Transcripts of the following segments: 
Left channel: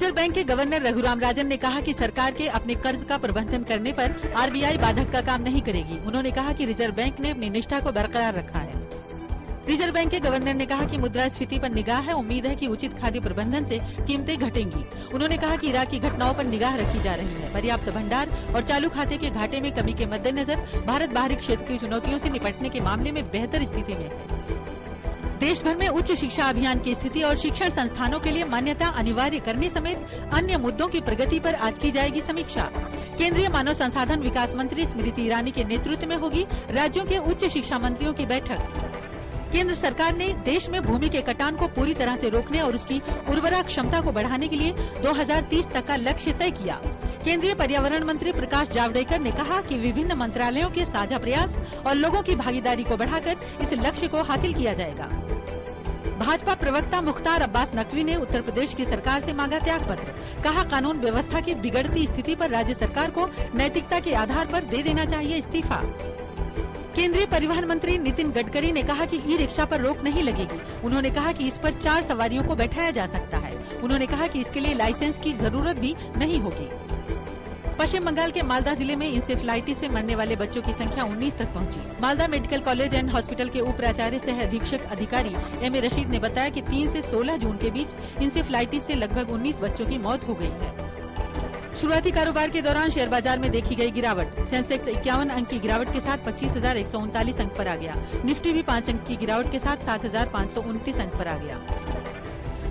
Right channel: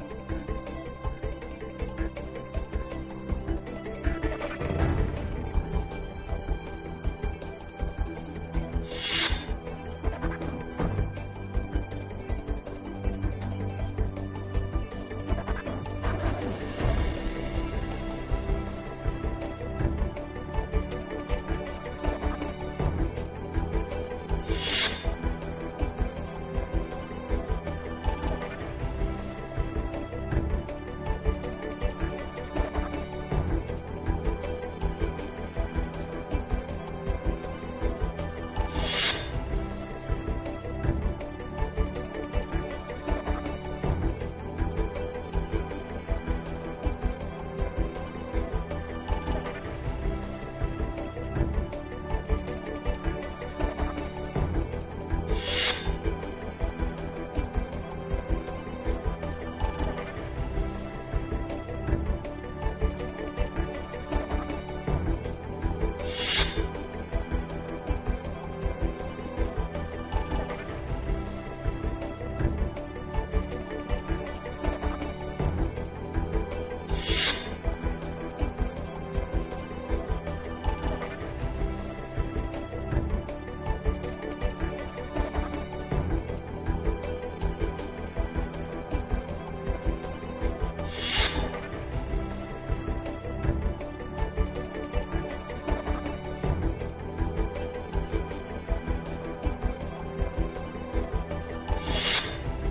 Reserve bank के governor Raghuram Rajan ने कहा कि सरकार के अपने कर्ज का प्रबंधन करने पर आरबीआई बाधक का काम नहीं करेगी। उन्होंने कहा कि रिजर्व बैंक ने अपनी निष्ठा को बरकरार रखा है। रिजर्व बैंक के गवर्नर ने कहा कि मुद्रास्फीति पर निगाह है, उम्मीद है कि उचित खाद्य प्रबंधन से कीमतें घटेंगी। उन्होंने कहा कि इराक की घटनाओं पर निगाह रखी जा रही है। पर्याप्त भंडार और चालू खाते के घाटे में कमी के मद्देनजर भारत बाहरी क्षेत्रीय चुनौतियों से निपटने के मामले में बेहतर स्थिति है। देश भर में उच्च शिक्षा अभियान की स्थिति और शिक्षण संस्थानों के लिए मान्यता अनिवार्य करने समेत अन्य मुद्दों की प्रगति पर आज की जाएगी समीक्षा। केंद्रीय मानव संसाधन विकास मंत्री स्मृति ईरानी के नेतृत्व में होगी राज्यों के उच्च शिक्षा मंत्रियों की बैठक। केंद्र सरकार ने देश में भूमि के कटान को पूरी तरह से रोकने और उसकी उर्वरा क्षमता को बढ़ाने के लिए 2030 तक का लक्ष्य तय किया। केंद्रीय पर्यावरण मंत्री प्रकाश जावड़ेकर ने कहा कि विभिन्न मंत्रालयों के साझा प्रयास और लोगों की भागीदारी को बढ़ाकर इस लक्ष्य को हासिल किया जाएगा। भाजपा प्रवक्ता मुख्तार अब्बास नकवी ने उत्तर प्रदेश की सरकार से मांगा त्यागपत्र। कहा, कानून व्यवस्था की बिगड़ती स्थिति पर राज्य सरकार को नैतिकता के आधार पर दे देना चाहिए इस्तीफा। केंद्रीय परिवहन मंत्री नितिन गडकरी ने कहा कि ई रिक्शा पर रोक नहीं लगेगी। उन्होंने कहा कि इस पर 4 सवारियों को बैठाया जा सकता है। उन्होंने कहा कि इसके लिए लाइसेंस की जरूरत भी नहीं होगी। पश्चिम बंगाल के मालदा जिले में इंसेफ्लाइटिस से मरने वाले बच्चों की संख्या 19 तक पहुंची। Malda medical college and hospital के उप प्राचार्य सह अधीक्षक अधिकारी एम ए रशीद ने बताया कि 3 से 16 जून के बीच इंसेफ्लाइटिस से लगभग 19 बच्चों की मौत हो गई है। शुरुआती कारोबार के दौरान शेयर बाजार में देखी गई गिरावट। सेंसेक्स 51 अंक की गिरावट के साथ 25,139 अंक पर आ गया। निफ्टी भी 5 अंक की गिरावट के साथ 7,529 अंक पर आ गया।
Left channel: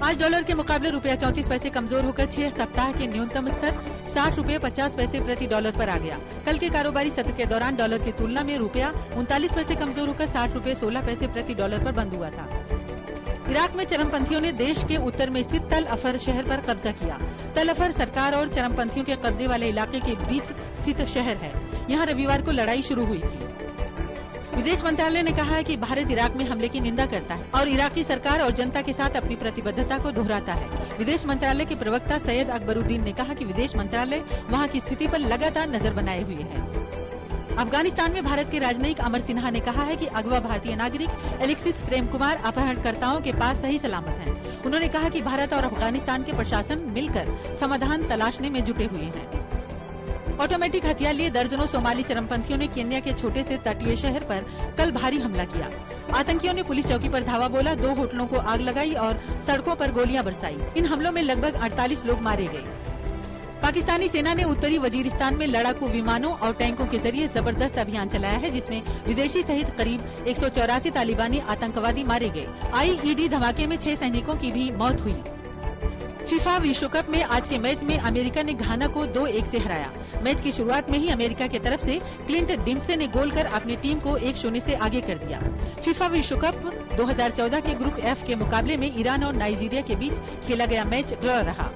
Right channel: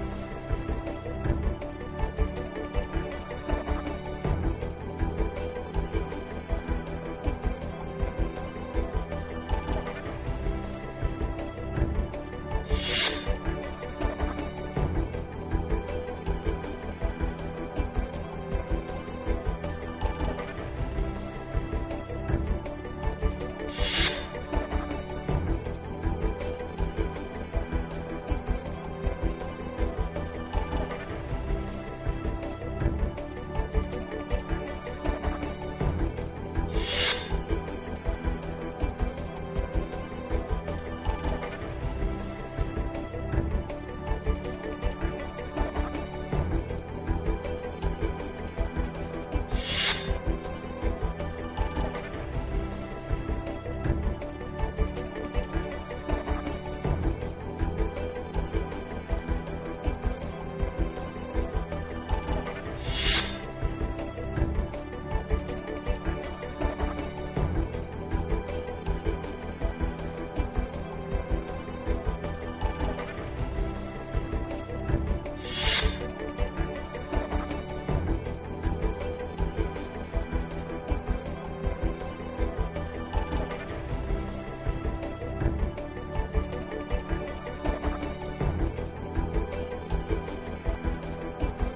आज डॉलर के मुकाबले रुपया 34 पैसे कमजोर होकर 6 सप्ताह के न्यूनतम स्तर 60 रुपये 50 पैसे प्रति डॉलर पर आ गया। कल के कारोबारी सत्र के दौरान डॉलर की तुलना में रुपया 39 पैसे कमजोर होकर 60 रुपये 16 पैसे प्रति डॉलर पर बंद हुआ था। इराक में चरमपंथियों ने देश के उत्तर में स्थित तल अफर शहर पर कब्जा किया। तल अफर सरकार और चरमपंथियों के कब्जे वाले इलाके के बीच स्थित शहर है। यहाँ रविवार को लड़ाई शुरू हुई थी। विदेश मंत्रालय ने कहा है कि भारत इराक में हमले की निंदा करता है और इराकी सरकार और जनता के साथ अपनी प्रतिबद्धता को दोहराता है। विदेश मंत्रालय के प्रवक्ता सैयद अकबरुद्दीन ने कहा कि विदेश मंत्रालय वहां की स्थिति पर लगातार नजर बनाए हुए है। अफगानिस्तान में भारत के राजनयिक अमर सिन्हा ने कहा है कि अगवा भारतीय नागरिक एलेक्सिस प्रेम कुमार अपहरणकर्ताओं के पास सही सलामत है। उन्होंने कहा कि भारत और अफगानिस्तान के प्रशासन मिलकर समाधान तलाशने में जुटे हुए हैं। ऑटोमेटिक हथियार लिए दर्जनों सोमाली चरमपंथियों ने केन्या के छोटे से तटीय शहर पर कल भारी हमला किया। आतंकियों ने पुलिस चौकी पर धावा बोला, 2 होटलों को आग लगाई और सड़कों पर गोलियां बरसाई। इन हमलों में लगभग 48 लोग मारे गए। पाकिस्तानी सेना ने उत्तरी वजीरिस्तान में लड़ाकू विमानों और टैंकों के जरिए जबरदस्त अभियान चलाया है, जिसमें विदेशी सहित करीब 184 तालिबानी आतंकवादी मारे गए। आईईडी धमाके में 6 सैनिकों की भी मौत हुई। फीफा विश्व कप में आज के मैच में अमेरिका ने घाना को 2-1 से हराया। मैच की शुरुआत में ही अमेरिका की तरफ से क्लिंट डिम्पसे ने गोल कर अपनी टीम को 1-0 से आगे कर दिया। फीफा विश्व कप 2014 के ग्रुप एफ के मुकाबले में ईरान और नाइजीरिया के बीच खेला गया मैच ड्रॉ रहा।